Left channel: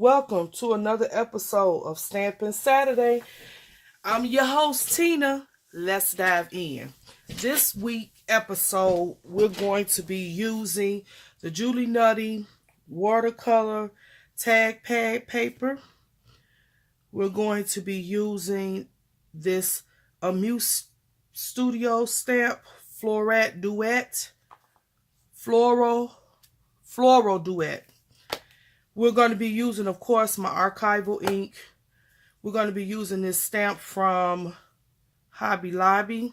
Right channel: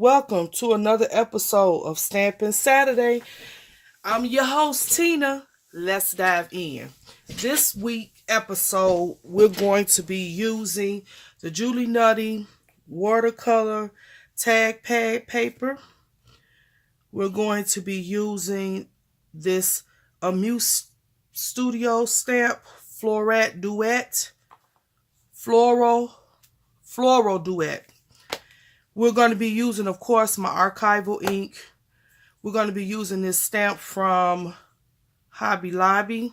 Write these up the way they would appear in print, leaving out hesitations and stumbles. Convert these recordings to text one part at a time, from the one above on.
Welcome to another episode of Stampin' Saturday. I'm your host, Tina. Let's dive in. This week episode, we're going to be using the Julie Nutty watercolor tag pad paper. We're going to be using this Amuse Studio stamp Floret Duet, Floral Duet. We're going to be using, of course, my archival ink. We're going to be using this stamp from Hobby Lobby.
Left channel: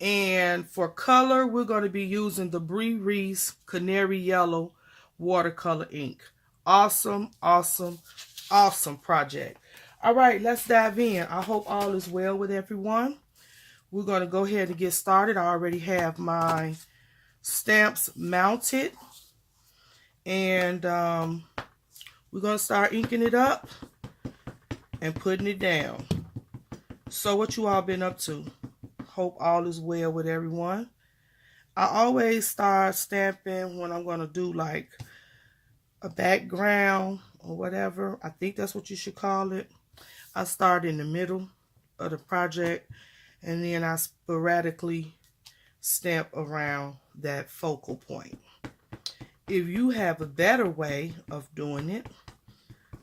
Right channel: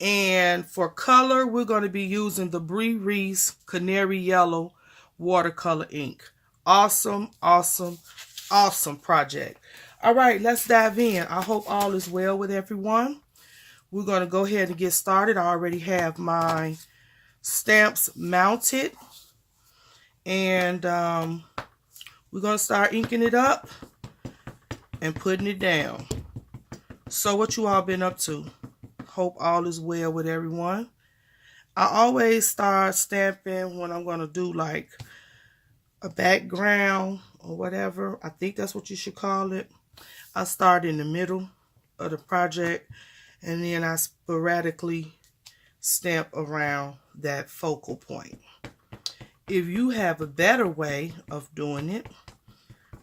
And for color, we're going to be using the Bree Reese Canary Yellow watercolor ink. Awesome, awesome, awesome project. All right, let's dive in. I hope all is well with everyone. We're going to go ahead and get started. I already have my stamps mounted. And we're going to start inking it up and putting it down. So what you all been up to? Hope all is well with everyone. I always start stamping when I'm going to do like a background or whatever. I think that's what you should call it. I start in the middle of the project and then I sporadically stamp around that focal point. If you have a better way of doing it,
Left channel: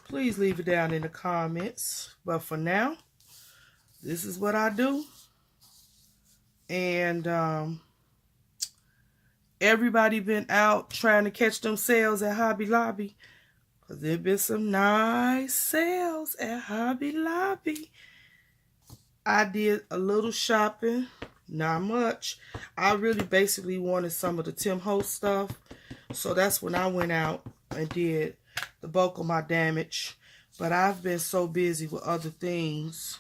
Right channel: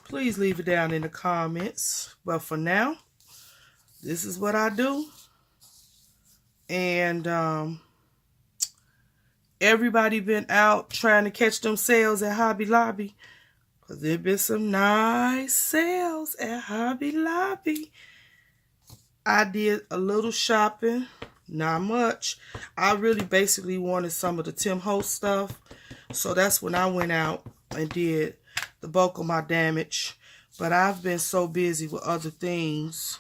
please leave it down in the comments. But for now, this is what I do. And everybody been out trying to catch them sales at Hobby Lobby. Because there been some nice sales at Hobby Lobby. I did a little shopping. Not much. I really basically wanted some of the Tim Holtz stuff. So that's when I went out and did the bulk of my damage. But I've been so busy with other things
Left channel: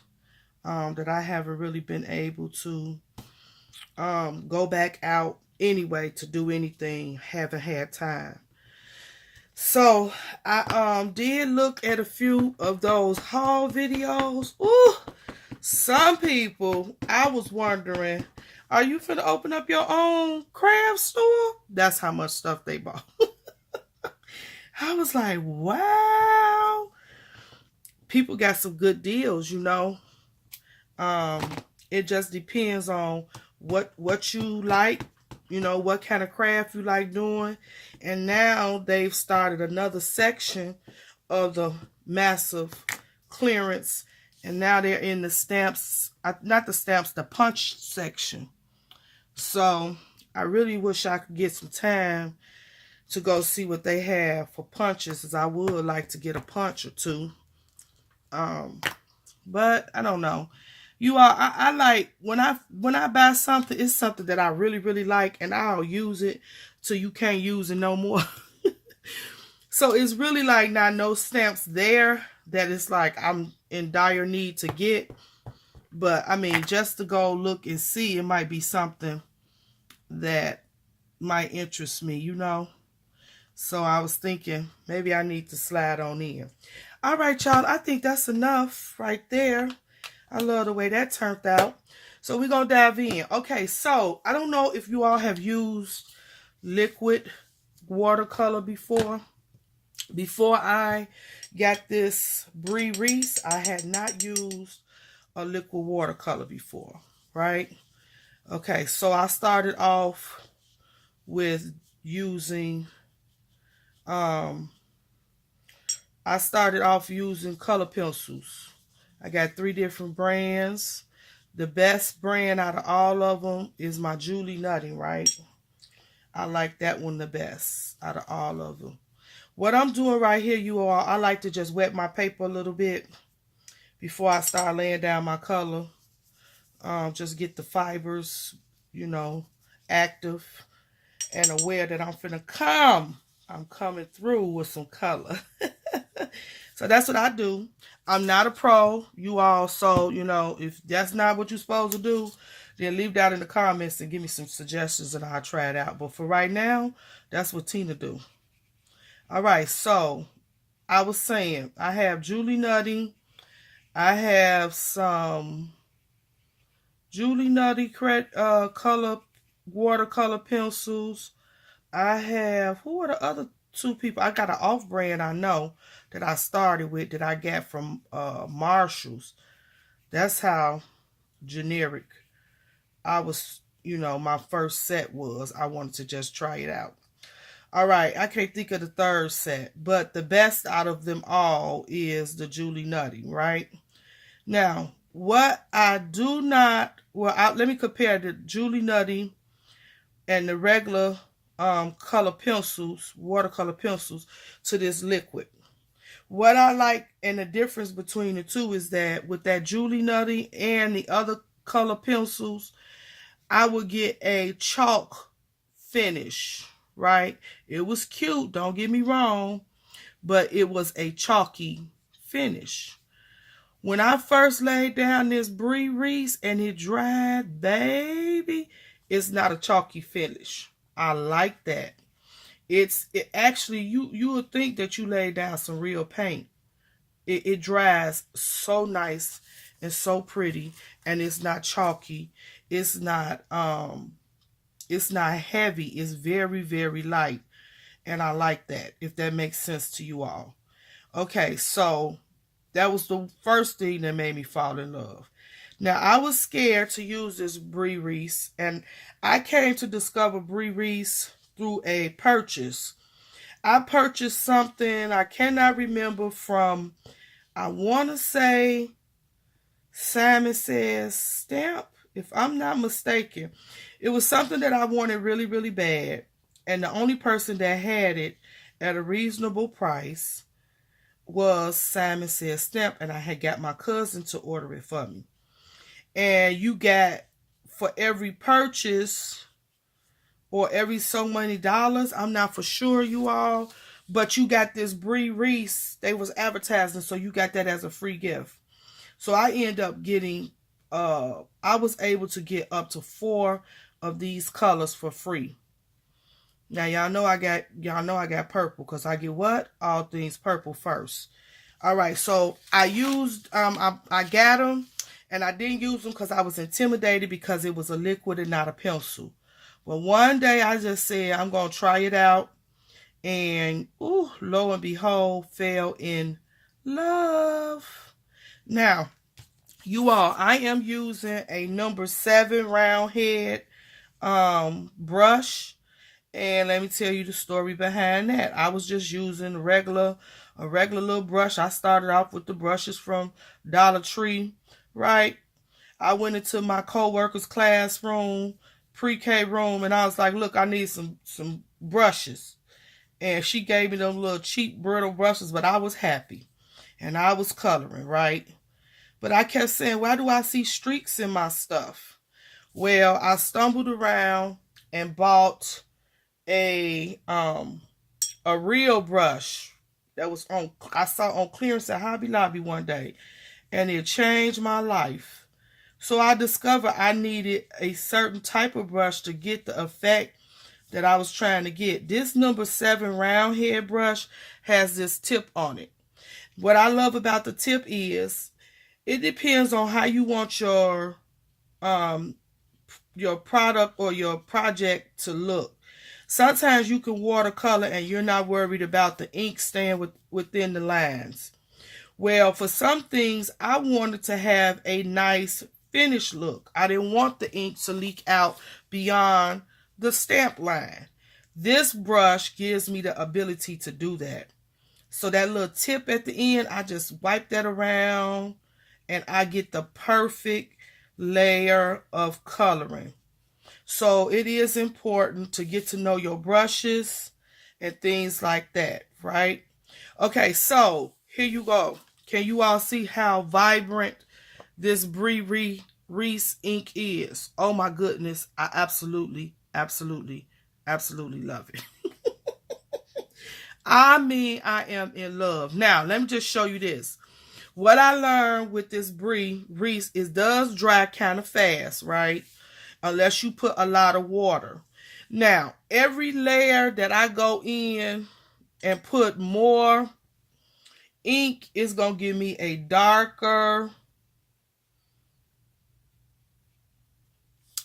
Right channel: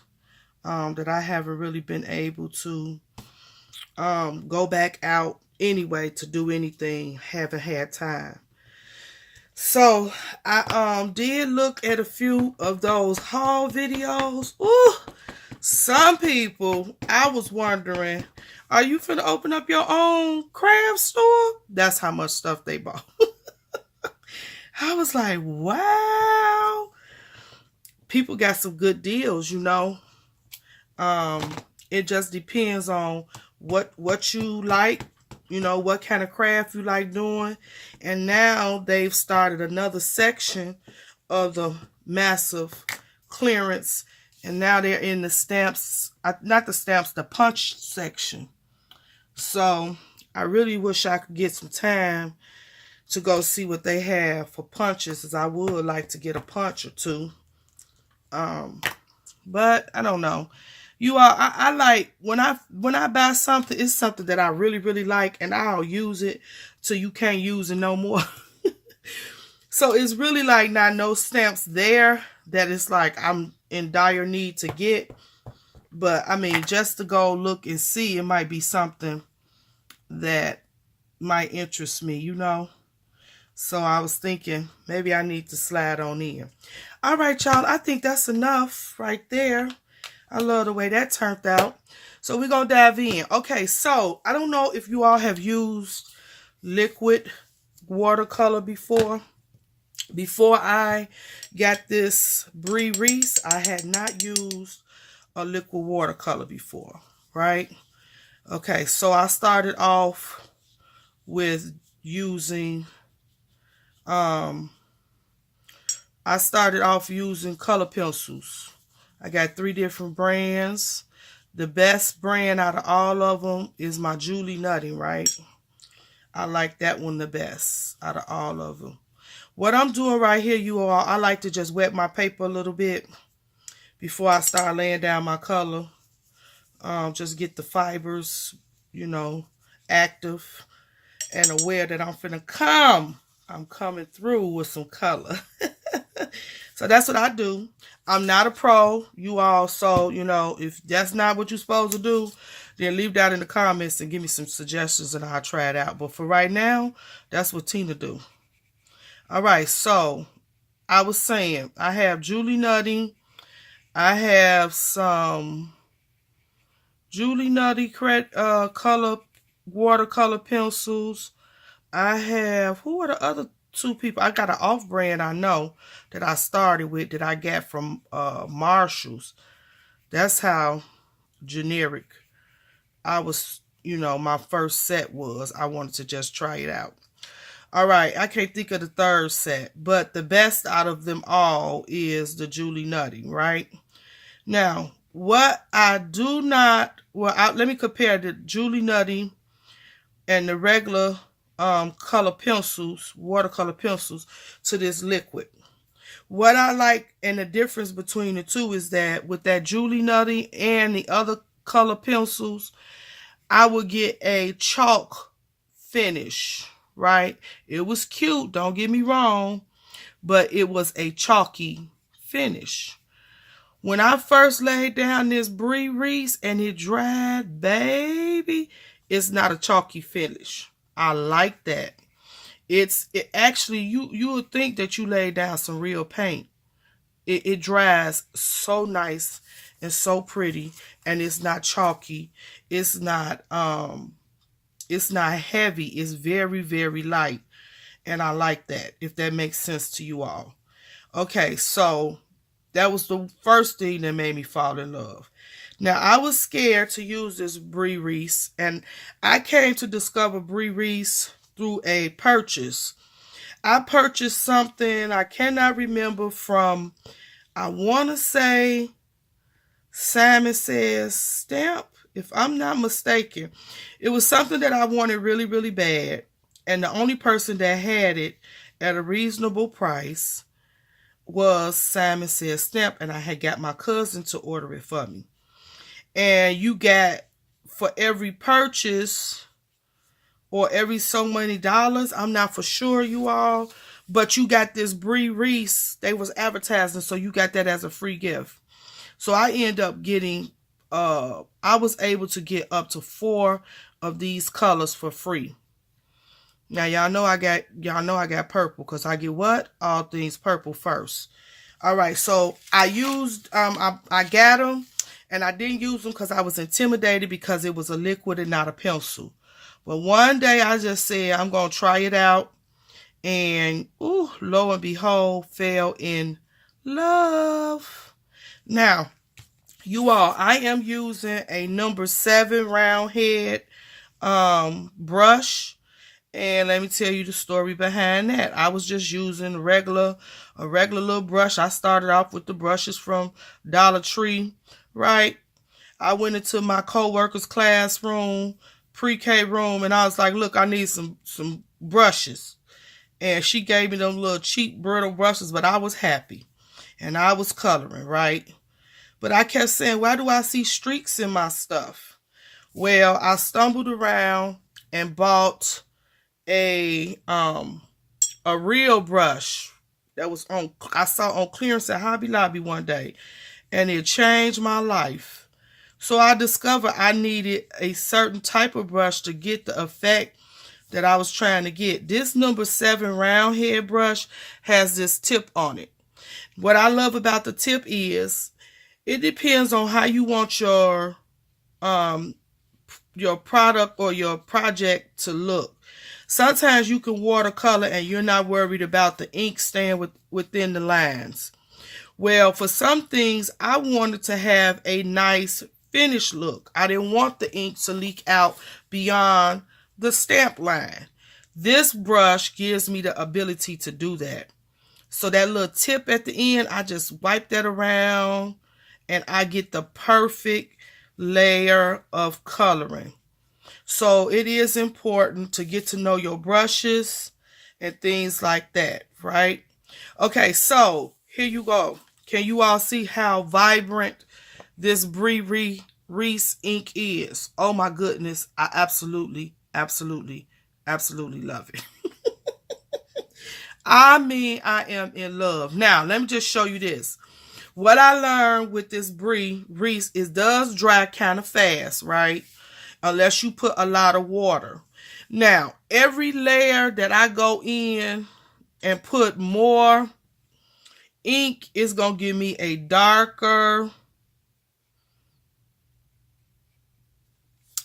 that I haven't really been able to go back out anyway to do anything. Haven't had time. So I did look at a few of those haul videos. Ooh, some people, I was wondering, are you finna open up your own craft store? That's how much stuff they bought. I was like, wow. People got some good deals, you know. It just depends on what you like, you know, what kind of craft you like doing. And now they've started another section of the massive clearance. And now they're in the stamps, not the stamps, the punch section. So I really wish I could get some time to go see what they have for punches, as I would like to get a punch or two. But I don't know. You all, I like when I buy something, it's something that I really, really like, and I'll use it till you can't use it no more. So it's really like not no stamps there that it's like I'm in dire need to get. But I mean, just to go look and see, it might be something that might interest me, you know. So I was thinking maybe I need to slide on in. All right, y'all, I think that's enough right there. I love the way that turned out. So we're going to dive in. Okay, so I don't know if you all have used liquid watercolor before. Before I got this Bree Reese, I had not used a liquid watercolor before, right? Okay, so I started off with using, color pencils. I got 3 different brands. The best brand out of all of them is my Julie Nutty, right? I like that one the best out of all of them. What I'm doing right here, you all, I like to just wet my paper a little bit before I start laying down my color. Just get the fibers, you know, active and aware that I'm finna come. I'm coming through with some color. So that's what I do. I'm not a pro, you all, so, you know, if that's not what you're supposed to do, then leave that in the comments and give me some suggestions and I'll try it out. But for right now, that's what Tina do. All right, so I was saying, I have Julie Nutty. I have some Julie Nutty color watercolor pencils. I have, who are the other two people. I got an off-brand I know that I started with that I got from Marshall's. That's how generic I was, my first set was. I wanted to just try it out. All right, I can't think of the third set, but the best out of them all is the Julie Nutty, right? Now, what I do not, let me compare the Julie Nutty and the regular color pencils, watercolor pencils, to this liquid. What I like and the difference between the two is that with that Julie Nutty and the other color pencils, I would get a chalk finish, right? It was cute, don't get me wrong, but it was a chalky finish. When I first laid down this Brie Reese and it dried, baby, it's not a chalky finish. I like that. It actually, you would think that you laid down some real paint. It dries so nice and so pretty, and it's not chalky. It's not heavy. It's very, very light. And I like that, if that makes sense to you all. Okay, so that was the first thing that made me fall in love. Now, I was scared to use this Brie Reese, and I came to discover Brie Reese through a purchase. I purchased something I cannot remember from, I want to say, Simon Says Stamp, if I'm not mistaken. It was something that I wanted really, really bad, and the only person that had it at a reasonable price was Simon Says Stamp, and I had got my cousin to order it for me. And you got, for every purchase or every so many dollars, I'm not for sure, you all, but you got this Brie Reese. They was advertising, so you got that as a free gift. So I end up getting, I was able to get up to 4 of these colors for free. Now y'all know I got purple, because I get what? All things purple first. All right, so I used, I got them, and I didn't use them because I was intimidated because it was a liquid and not a pencil. But one day I just said, I'm going to try it out. And, ooh, lo and behold, fell in love. Now, you all, I am using a number 7 round head brush. And let me tell you the story behind that. I was just using a regular little brush. I started off with the brushes from Dollar Tree, right? I went into my co-worker's classroom, pre-K room, and I was like, look, I need some brushes. And she gave me them little cheap brittle brushes, but I was happy. And I was coloring, right? But I kept saying, why do I see streaks in my stuff? Well, I stumbled around and bought a real brush that was I saw on clearance at Hobby Lobby one day, and it changed my life. So I discovered I needed a certain type of brush to get the effect that I was trying to get. This number 7 round head brush has this tip on it. What I love about the tip is it depends on how you want your product or your project to look. Sometimes you can watercolor and you're not worried about the ink staying within the lines. Well, for some things, I wanted to have a nice finished look. I didn't want the ink to leak out beyond the stamp line. This brush gives me the ability to do that. So that little tip at the end, I just wipe that around and I get the perfect layer of coloring. So it is important to get to know your brushes and things like that, right? Okay, so here you go. Can you all see how vibrant this Brie Reese ink is? Oh my goodness, I absolutely love it. I mean, I am in love. Now, let me just show you this. What I learned with this Brie Reese is it does dry kind of fast, right? Unless you put a lot of water. Now, every layer that I go in and put more ink is going to give me a darker,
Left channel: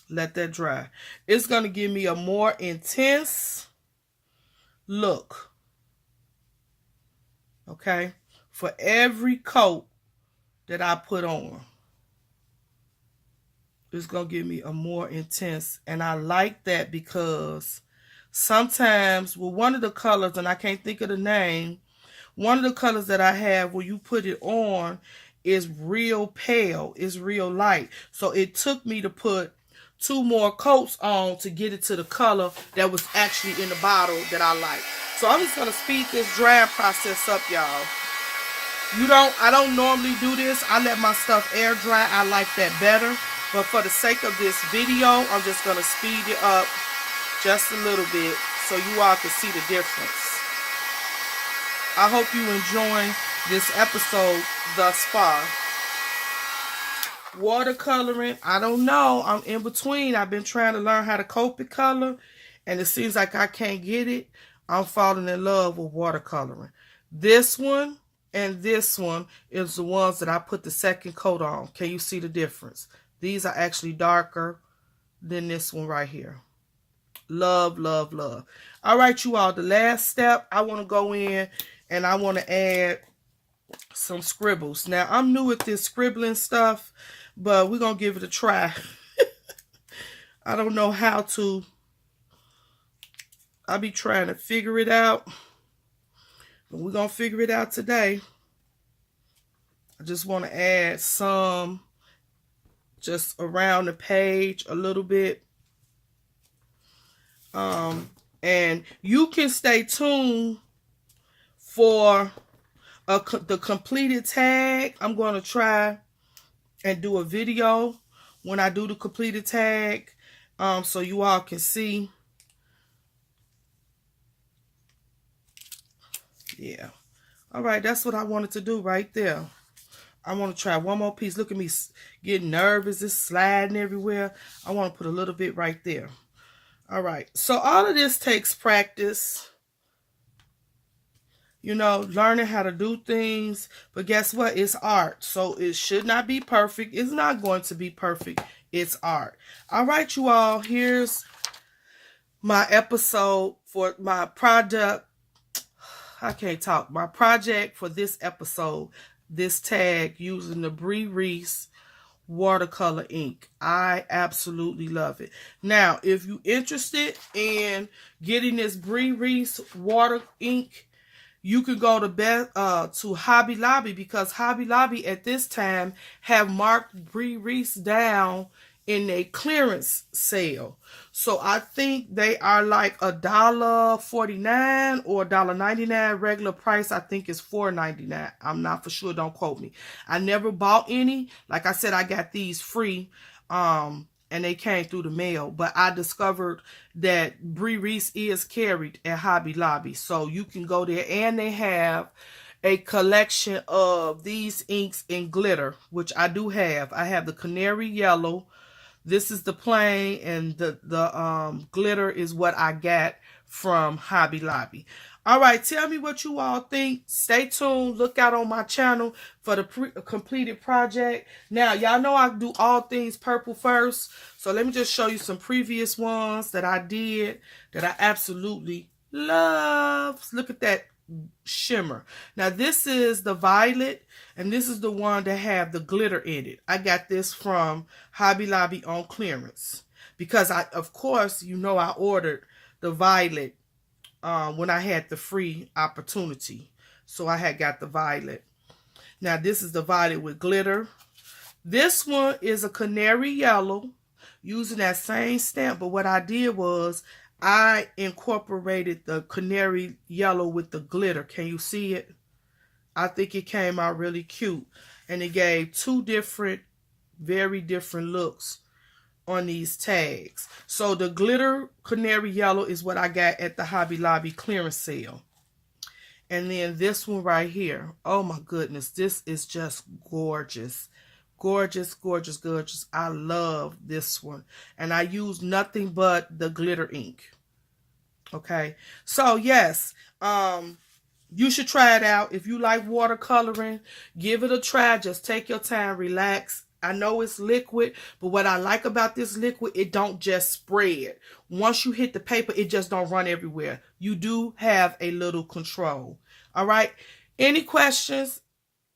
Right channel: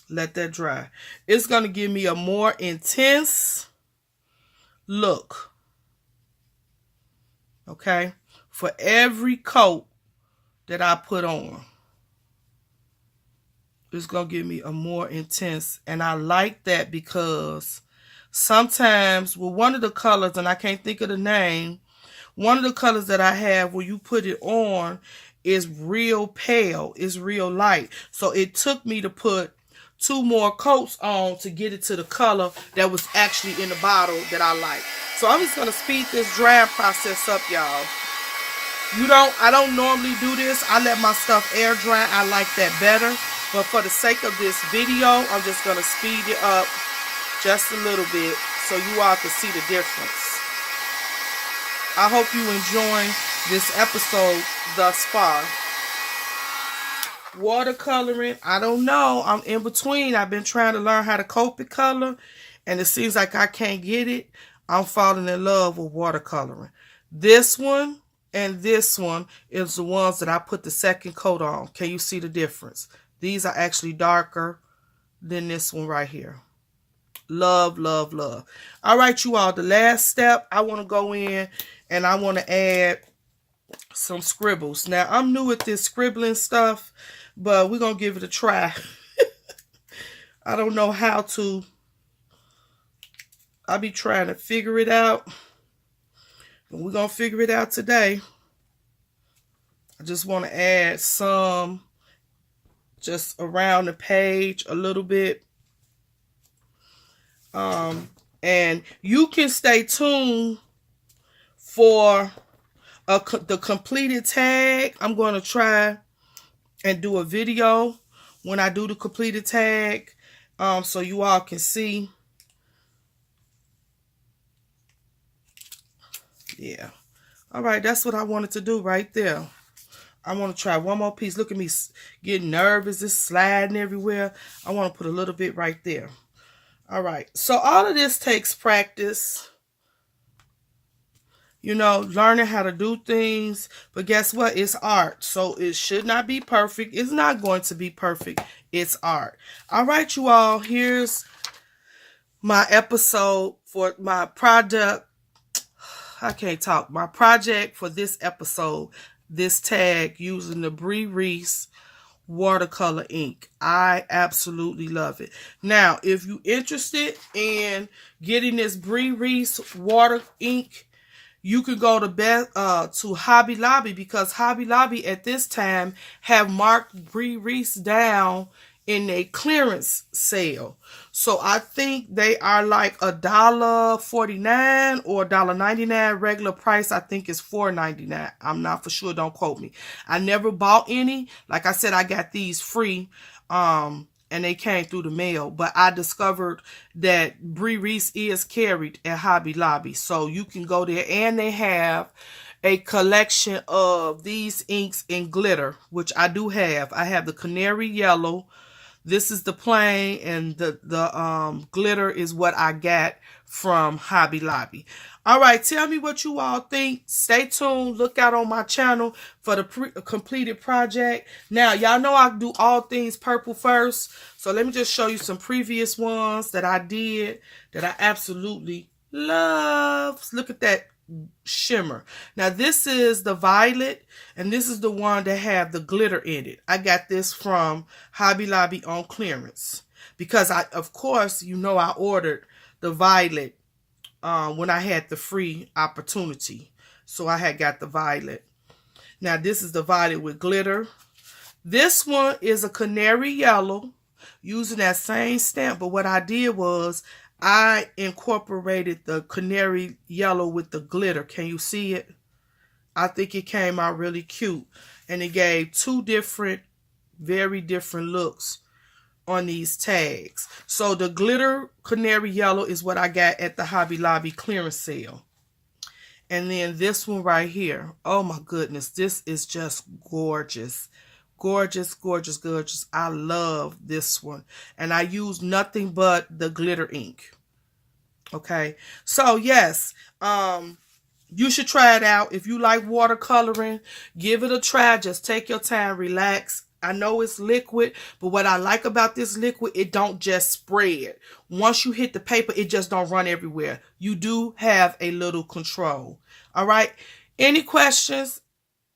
let that dry. It's going to give me a more intense look. okay? For every coat that I put on. It's going to give me a more intense. And I like that because sometimes with one of the colors, and I can't think of the name, one of the colors that I have where you put it on is real pale. It's real light. So it took me to put 2 more coats on to get it to the color that was actually in the bottle that I like. So I'm just going to speed this drying process up, y'all. I don't normally do this. I let my stuff air dry. I like that better. But for the sake of this video, I'm just going to speed it up just a little bit so you all can see the difference. I hope you enjoying this episode thus far. Watercoloring, I don't know. I'm in between. I've been trying to learn how to Copic color, and it seems like I can't get it. I'm falling in love with watercoloring. This one and this one is the ones that I put the second coat on. Can you see the difference? These are actually darker than this one right here. Love, love, love. All right, you all, the last step, I want to go in and I want to add some scribbles. Now, I'm new at this scribbling stuff, but we're going to give it a try. I don't know how to. I'll be trying to figure it out. But we're going to figure it out today. I just want to add some just around the page a little bit. And you can stay tuned for the completed tag. I'm going to try and do a video when I do the completed tag, so you all can see. Yeah. All right, that's what I wanted to do right there. I want to try one more piece. Look at me getting nervous. It's sliding everywhere. I want to put a little bit right there. All right. So all of this takes practice. You know, learning how to do things. But guess what? It's art. So it should not be perfect. It's not going to be perfect. It's art. All right, you all. Here's my episode for my product. I can't talk. My project for this episode. This tag using the Bree Reese watercolor ink. I absolutely love it. Now, if you're interested in getting this Bree Reese water ink, you can go to Hobby Lobby, because Hobby Lobby at this time have marked Bree Reese down in a clearance sale. So I think they are like $1.49 or $1.99. Regular price, I think, is $4.99. I'm not for sure. Don't quote me. I never bought any. Like I said, I got these free, and they came through the mail. But I discovered that Bree Reese is carried at Hobby Lobby. So you can go there, and they have a collection of these inks in glitter, which I do have. I have the canary yellow. This is the plain, and the glitter is what I got from Hobby Lobby. All right, tell me what you all think. Stay tuned. Look out on my channel for the completed project. Now, y'all know I do all things purple first. So let me just show you some previous ones that I did that I absolutely love. Look at that shimmer. Now, this is the violet, and this is the one that have the glitter in it. I got this from Hobby Lobby on clearance because of course, you know, I ordered the violet when I had the free opportunity. So I had got the violet. Now, this is the violet with glitter. This one is a canary yellow using that same stamp, but what I did was I incorporated the canary yellow with the glitter. Can you see it? I think it came out really cute. And it gave 2 different, very different looks on these tags. So the glitter canary yellow is what I got at the Hobby Lobby clearance sale. And then this one right here. Oh my goodness. This is just gorgeous. Gorgeous, gorgeous, gorgeous. I love this one. And I use nothing but the glitter ink. Okay. So yes, you should try it out. If you like watercoloring, give it a try. Just take your time, relax. I know it's liquid, but what I like about this liquid, it don't just spread. Once you hit the paper, it just don't run everywhere. You do have a little control. All right. Any questions,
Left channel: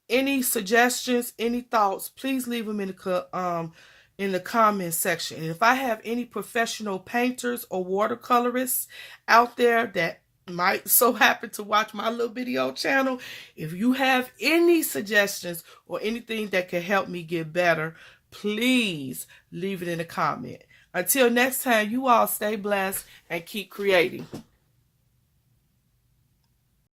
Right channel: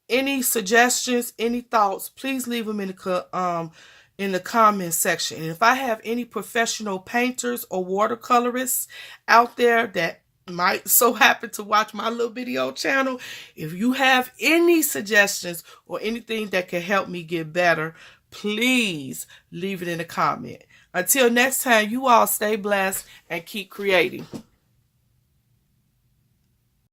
any suggestions, any thoughts, please leave them in the comment section. And if I have any professional painters or watercolorists out there that might so happen to watch my little video channel, if you have any suggestions or anything that can help me get better, please leave it in the comment. Until next time, you all stay blessed and keep creating.